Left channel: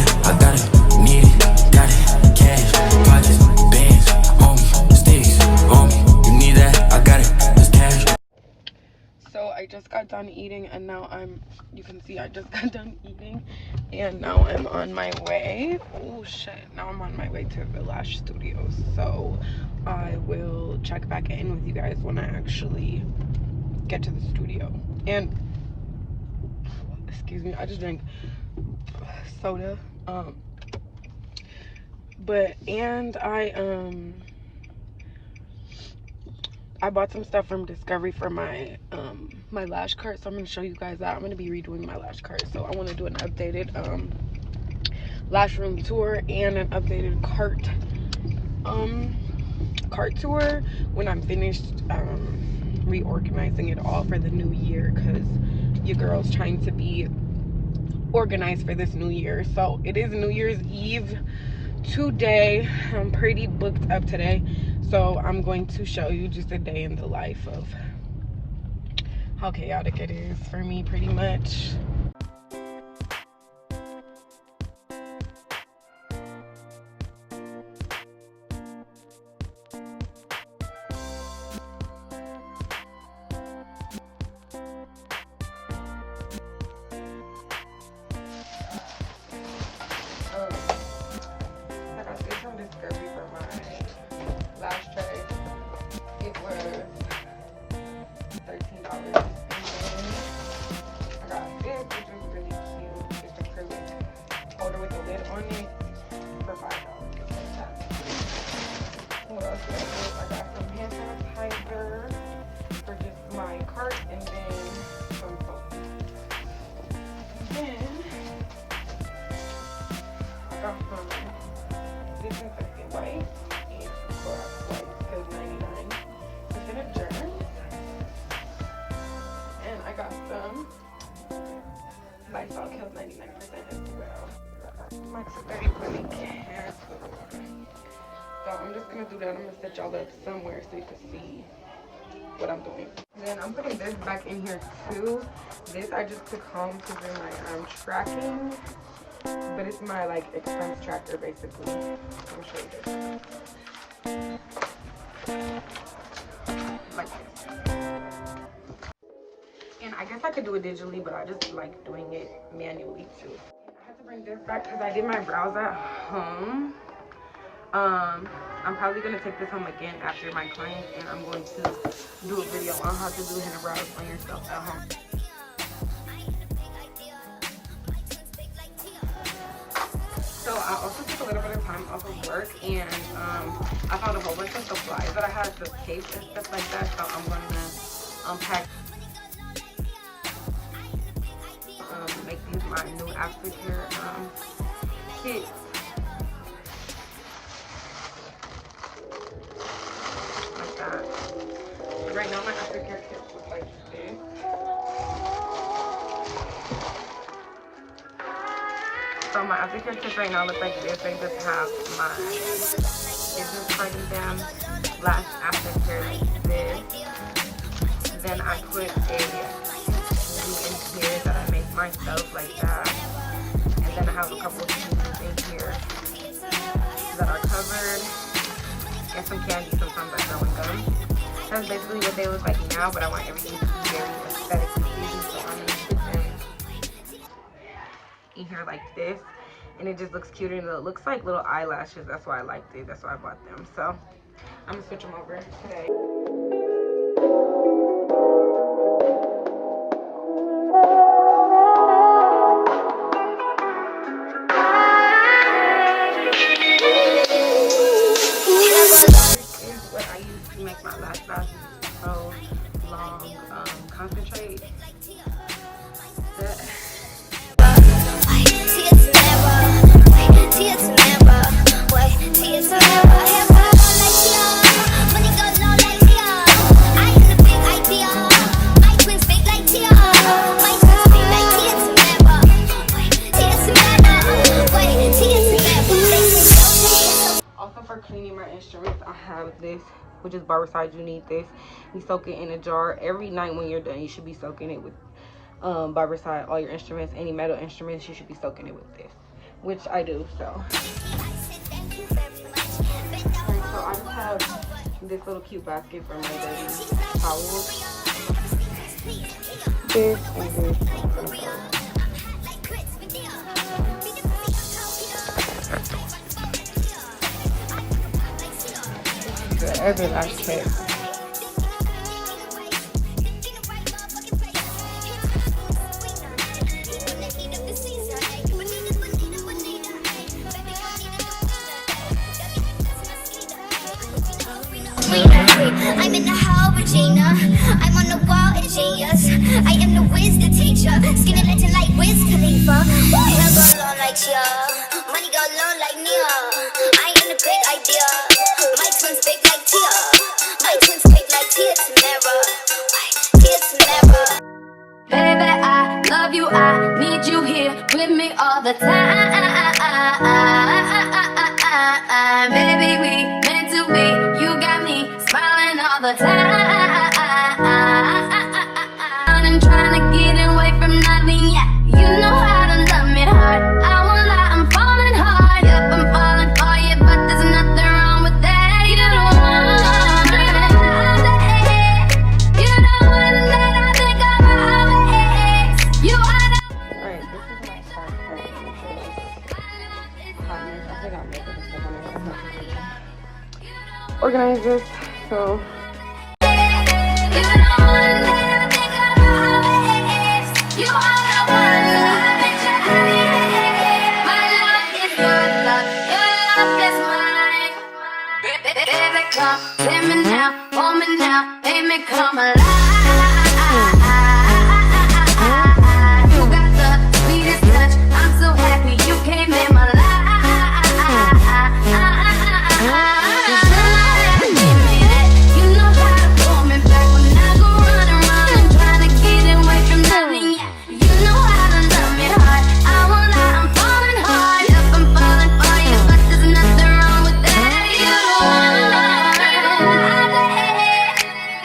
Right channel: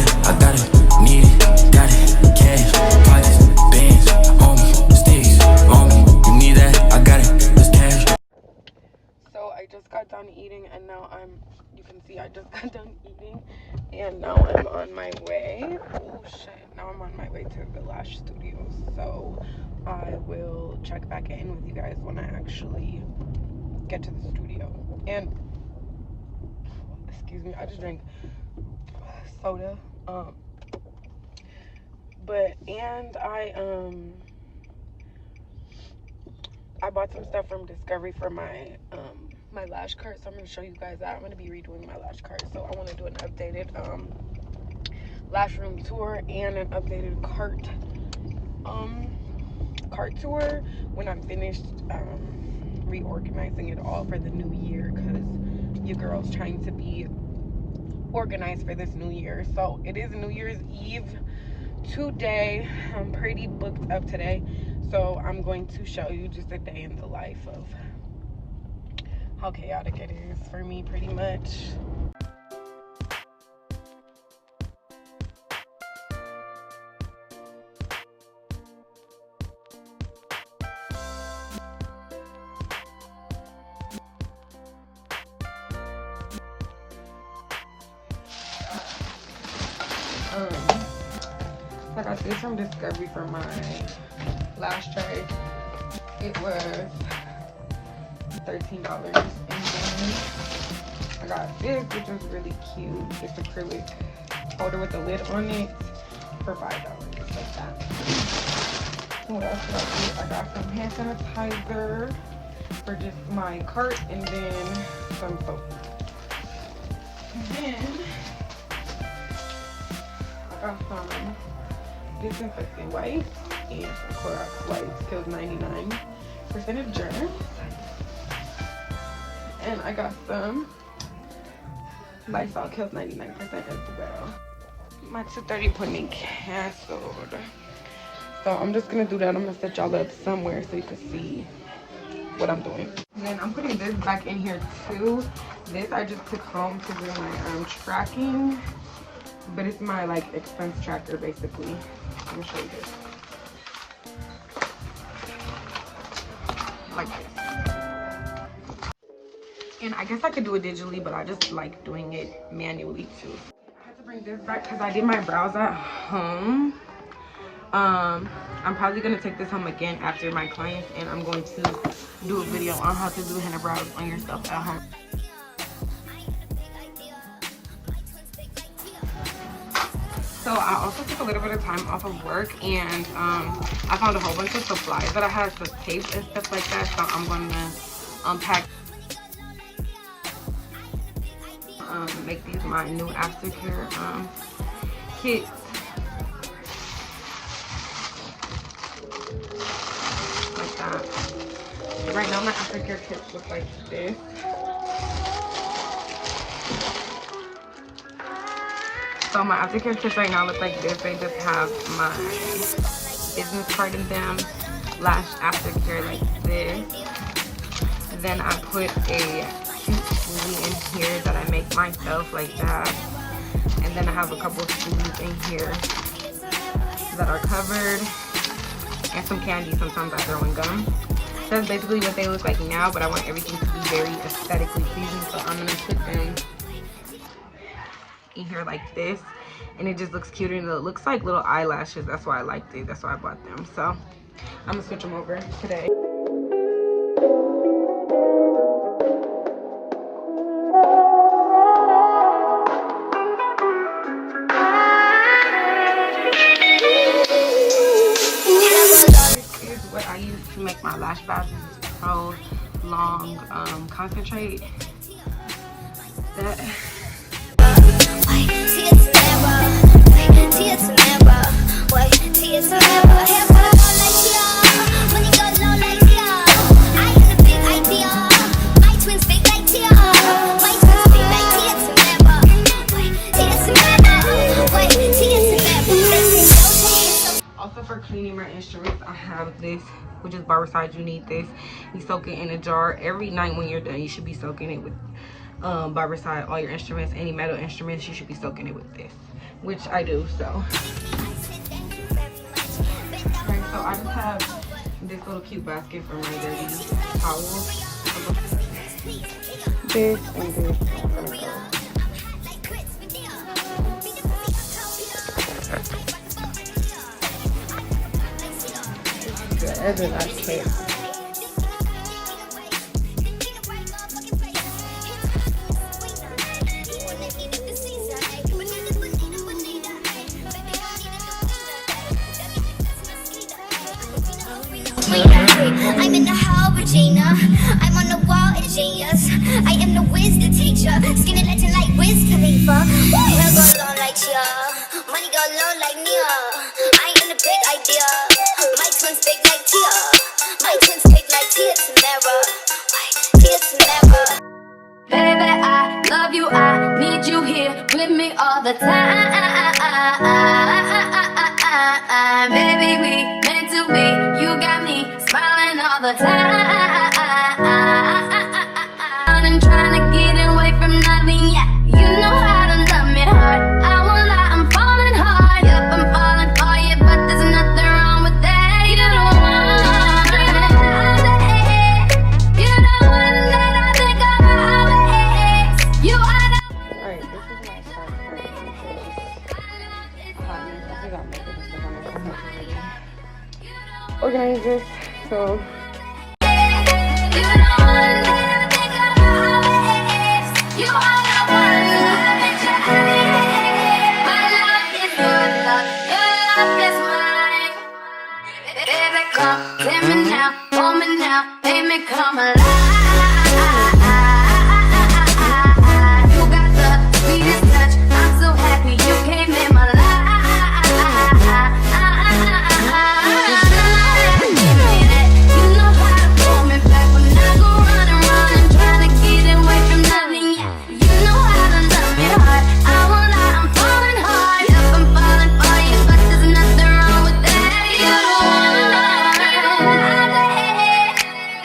that, I got it, need it, got it, cash, pockets, bands, on me, sticks, on me, you need that, I got it, this cash. So I just got done eating and now you can see I just got done eating and now I'm on my way. Oh shit, now I'm on my way to the Lash Studios. So I will check back in with you guys when I actually get to the studio. And excuse me, I just drank soda. I bought some stuff from Discovery for my my lash cart, so I'm gonna show you guys that. I'm gonna be redoing my lash cart, so I want to do an updated lash room tour and an updated cart tour when I'm finished reorganizing it all for the new year, because your girl's trying to be organized for this new year. So it is New Year's Eve today. I'm pretty booked up today, so I'm going to show you just a day in the life of how chaotic it is for me, pretty much. I got this from Discovery for my lash tray. It was $13. And I got this, which was really cute. It's acrylic holder with a lid on it for $5. Like that. What else did I get? I got some hand sanitizer for just my cart, and then some soap. And then I got some disinfectant wipes and some Clorox wipes, 𝑘𝐿 99% germs. And I got some Lysol 𝐾𝐿 99% as well. My 2:30 appointment canceled. So I'm just gonna do that. I'm gonna set y'all up somewhere so you can see what I'm doing. And then I'm putting this back in here too. This I just took home to do my tracking. But it's my like expense tracker basically. Let me show you this. Like this. And I guess I could do it digitally, but I just like doing it manually too. I had to bring this back because I did my brows at home. I'm probably gonna take this home again after my clients, and I'm going to do a video on how to do henna brows on yourself at home. So I also took a little bit of time off of work, and I found a whole bunch of supplies that I had, the tape and stuff like that. So I'm going to unpack, make these my new aftercare kits. Like that. So right now my aftercare kits look like this. So my aftercare kits right now look like this. They just have my business card in them, lash aftercare like this. Then I put a in here that I make myself like that. And then I have a couple of tubes in here that are covered. And some candy, sometimes I throw in gum. That's basically what they look like now, but I want everything to be very aesthetically pleasing. So I'm gonna put them in here like this, and it just looks cuter, and it looks like little eyelashes. That's why I liked it. That's why I bought them. So I'm gonna switch them over today. Here's what I use to make my lash lashes. Pro Long Concentrate. Also for cleaning my instruments, I have this, which is Barbicide. You need this. You soak it in a jar every night when you're done. You should be soaking it with Barbicide. All your instruments, any metal instruments, you should be soaking it with this. which I do. So I just have this little cute basket for my towels. Yeah, every last kit. I'm in the 𝐻𝑒𝓁 𝒂𝓁. I'm on the wall, a genius. I am the wisdom teacher. Skinny legend like 𝒬𝑜𝓊𝒃. Hair go long like Chia. Money go low like Nia. I am the big idea. My twins big like Tia. My twins big like 𝒃𝑜𝓃𝓉. Baby, I love you. I need you here with me all the time. Baby, we meant to be. You got me smiling all the time. I'm trying to get away from nothing. Yeah, you know how to love me hard. I won't lie, I'm falling hard. Yep, I'm falling for you, but there's nothing wrong with that. You don't want to dream about it. You don't want that I think about it. You are the Organize this. So Let me now, hold me now, make me come alive. You got the sweetest touch, I'm so happy you came in my life. You know how to pull me back when I go running, trying to get away from nothing. You know how to love me hard, I won't lie, I'm falling hard. Yep, I'm falling for you, but there's nothing wrong with that. You don't wanna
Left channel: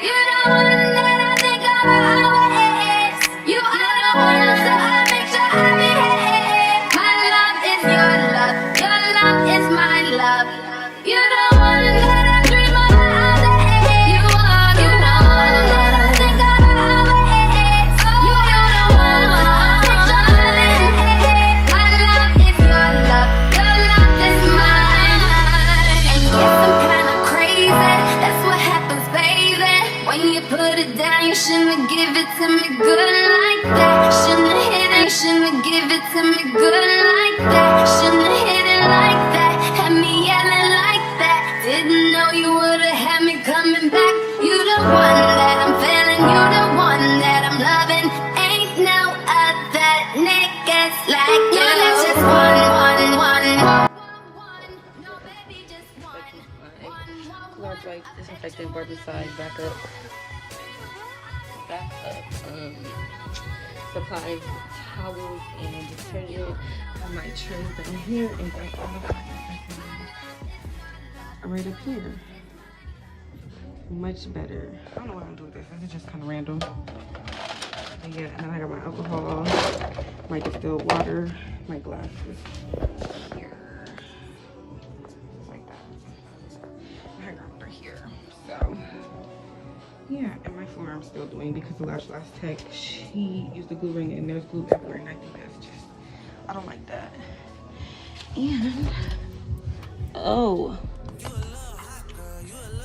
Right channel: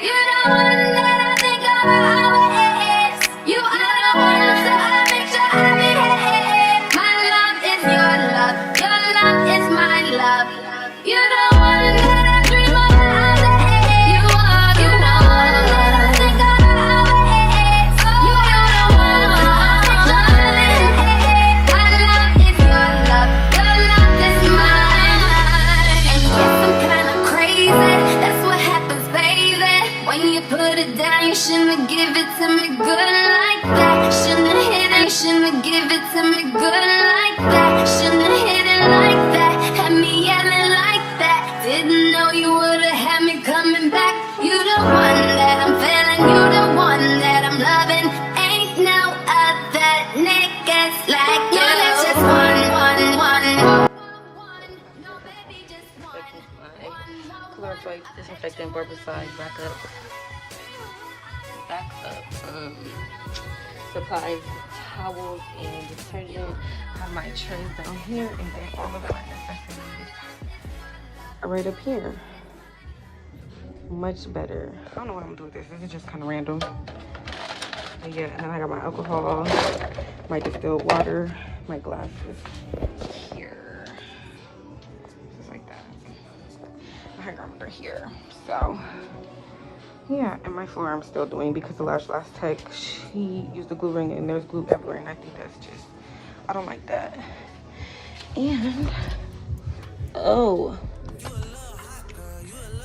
you don't want that I think about it. You are the one, so I make sure I behave. My love is your love is my love. You don't want that I dream about it. You are the one that I think about it. You are the one, so I make sure I behave. My love is your love is mine. And yes, I'm kinda crazy, that's what happens, baby. When you put it down, you shouldn't give it to me good like that. Shouldn't hit it, shouldn't give it to me good like that. Shouldn't hit it like that, had me yelling like that. Didn't know you would've had me coming back. You the one that I'm feeling, you the one that I'm loving. Ain't no other niggas like you. There's just one. No, baby, just one. disinfectant barbicide backup. Supplies, towels, and detergent. My trash down here, and then all of my right up here. Much better. I don't know what I'm gonna do with this. This is just kind of random. But yeah, and then I got my alcohol, my distilled water, my glasses here, just like that. My hygrometer here. So yeah, and my floor I'm still doing because the last tech, she used the glue ring and there's glue everywhere, and I think that's just, I don't like that. And oh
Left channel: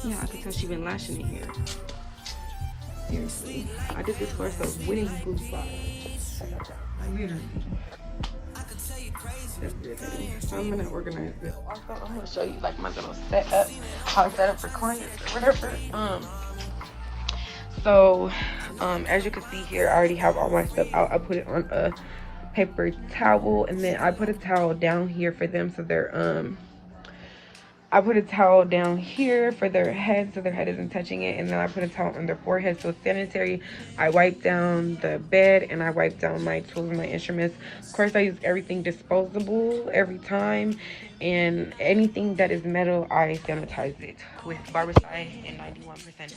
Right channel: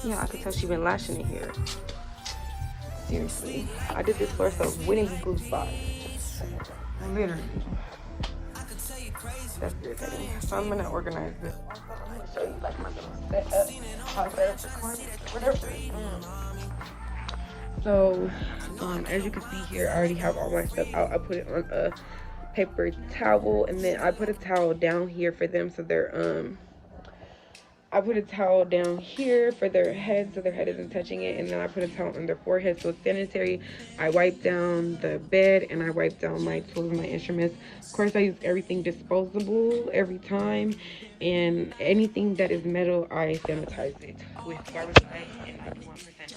yeah, I can tell she's been lashing in here. Seriously, I did this floor so winning glue spot. Literally. That's irritating. So I'm gonna organize this. Also, I'm gonna show you like my little setup, how I set up for clients or whatever. So as you can see here, I already have all my stuff out. I put it on a paper towel, and then I put a towel down here for them, so they're I put a towel down here for their head so their head isn't touching it, and then I put a towel on their forehead so it's sanitary. I wipe down the bed, and I wipe down my tools and my instruments. Of course, I use everything disposable every time, and anything that is metal, I sanitize it with barbicide and 91%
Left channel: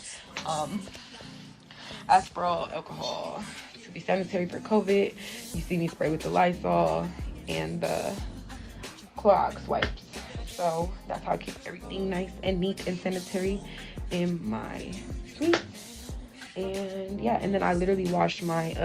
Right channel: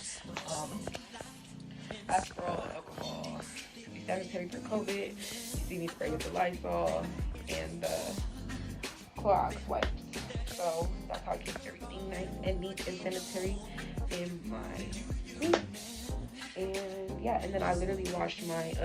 ℏ alcohol to be sanitary for COVID. You see me spray with the Lysol and the Clorox wipes. So that's how I keep everything nice and neat and sanitary in my suite. And yeah, and then I literally wash my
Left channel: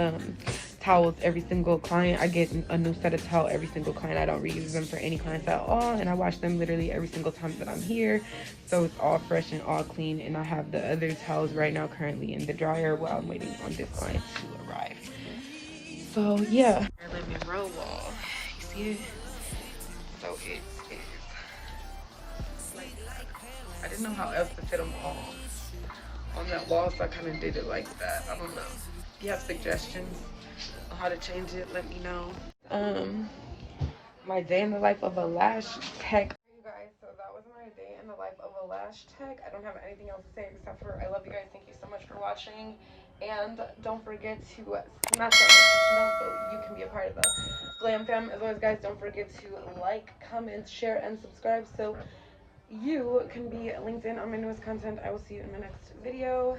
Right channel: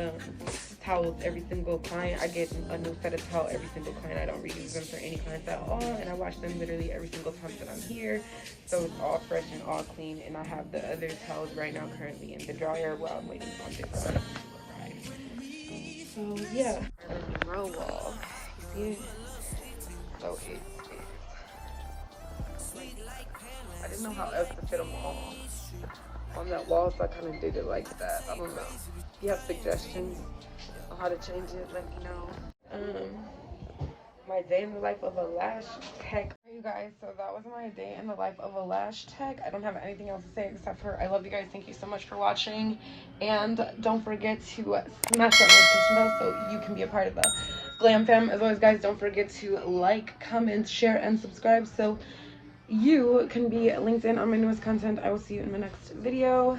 towels every single client. I get a new set of towel every single client. I don't reuse them for any clients at all, and I wash them literally every single time that I'm here, so it's all fresh and all clean. And I have the other towels right now currently in the dryer while I'm waiting on this one to arrive. So yeah, living row wall, you see it? So it is like, I didn't know how else to fit them all on that wall, so I kind of did it like that. I don't know. If you have suggestions on how to change it, let me know. My day in the life of a lash tech. You guys, so that was my day in the life of a lash tech. I don't have anything else to say except for I love you guys. Thank you so much for watching, and don't forget to smash that notification bell so you can be a part of the Glam Fam. As always, guys, don't forget to like, comment, share, and subscribe so you can be linked in on my newest content. I will see you in my next video.